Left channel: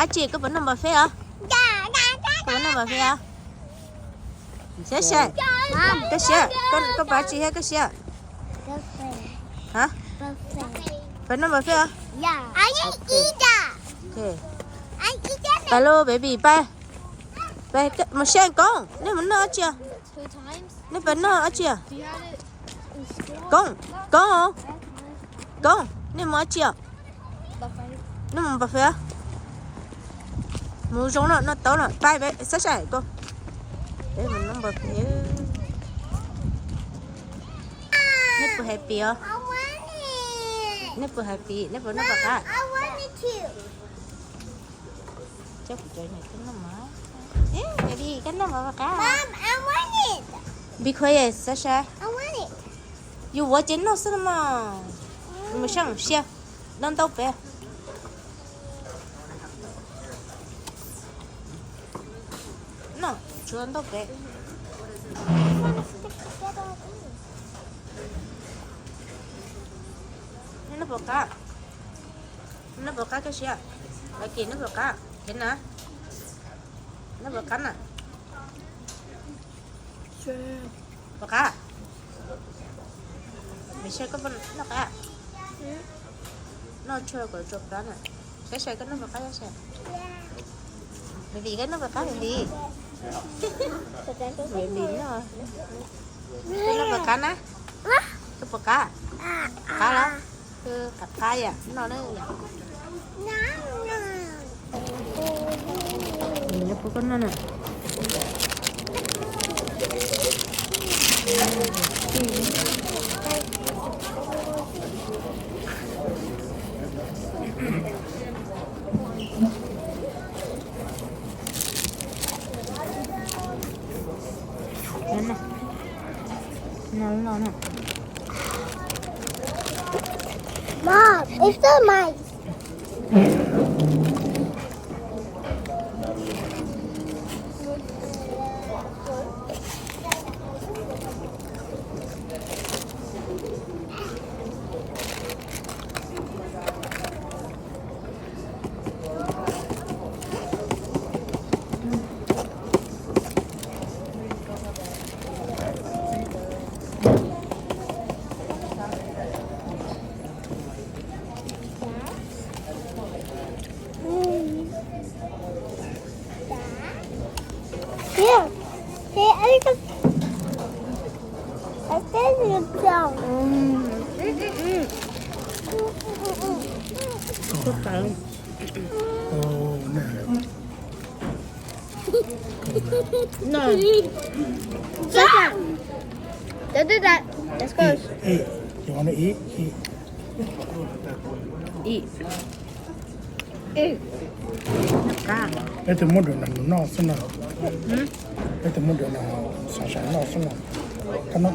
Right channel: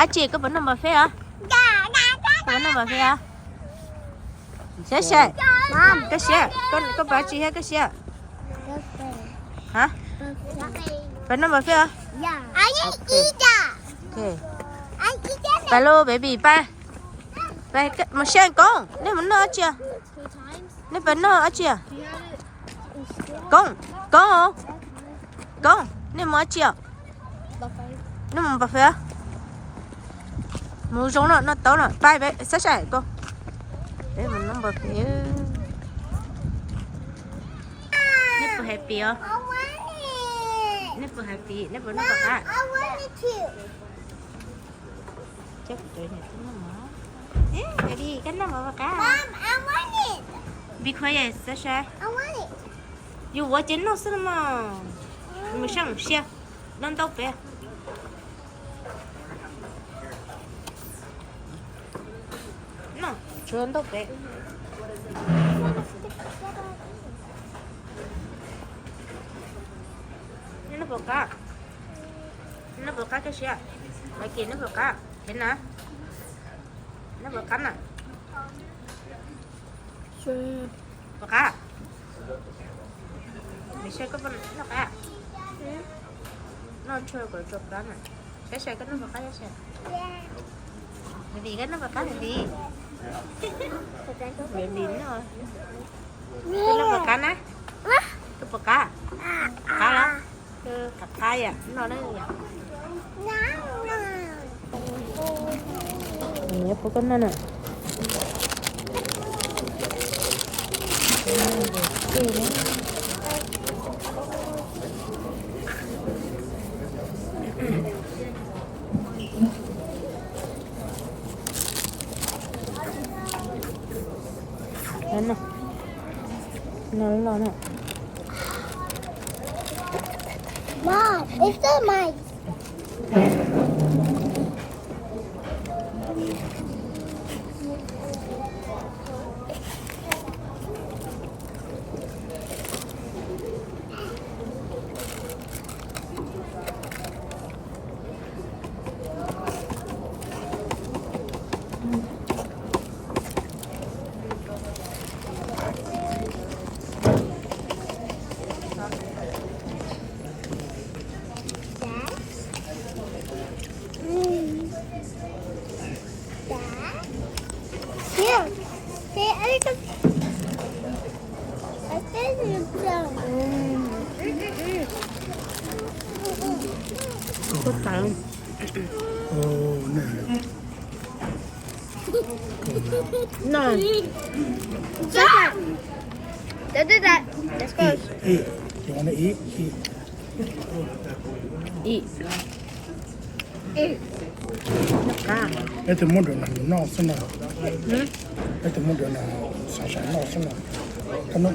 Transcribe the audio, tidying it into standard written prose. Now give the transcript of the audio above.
á chị có vấn đề mà phê à? Có vấn đề mà phê à? Xe. Cái xe, con bà chị hay cái xe? Hả? Vấn đề mà phê à? Ok. Hello baby, bye. Bye, mà xe con, nếu mà nó chưa? Nếu mà nó chưa? Con không? Nếu mà chưa? Nếu mà bà phê à? Mua giống nó tao rồi, bye bye, sẽ con. Để mình nó bật phía. Nipple happy à? Nipple happy, nipple nó bật à? Chắc trời này cái nó mở. Baby, cái nó mở bật à? Mom, I want it. Be quiet, Sasha. I want it. You watching no cinema? Mình sang xe, non tao bé. No, chưa tao bé. Nó bật à? Nó bật à cái xe? Lại kia nó bật à? Thế nào? Nó bật cắn à? Bật à? Mày chơi cái bên nó cả? Nó chơi cái chụp đó nè. Cái xe cái nó bật cái xe. Bởi vì cái nó bật cái gì? Bởi vì nó cái nó bật cái á? Cái bật cái? Cá đó? Cái cặp cái à? Nó vậy. Nó có con nó nè. Đây nè. Nó nè. Mom, it's the mice. No. Don't do that. Let's go. Eat. You want to eat? Eat. Eat. Nó cá. Let the mother know. Let the mother know. Come on.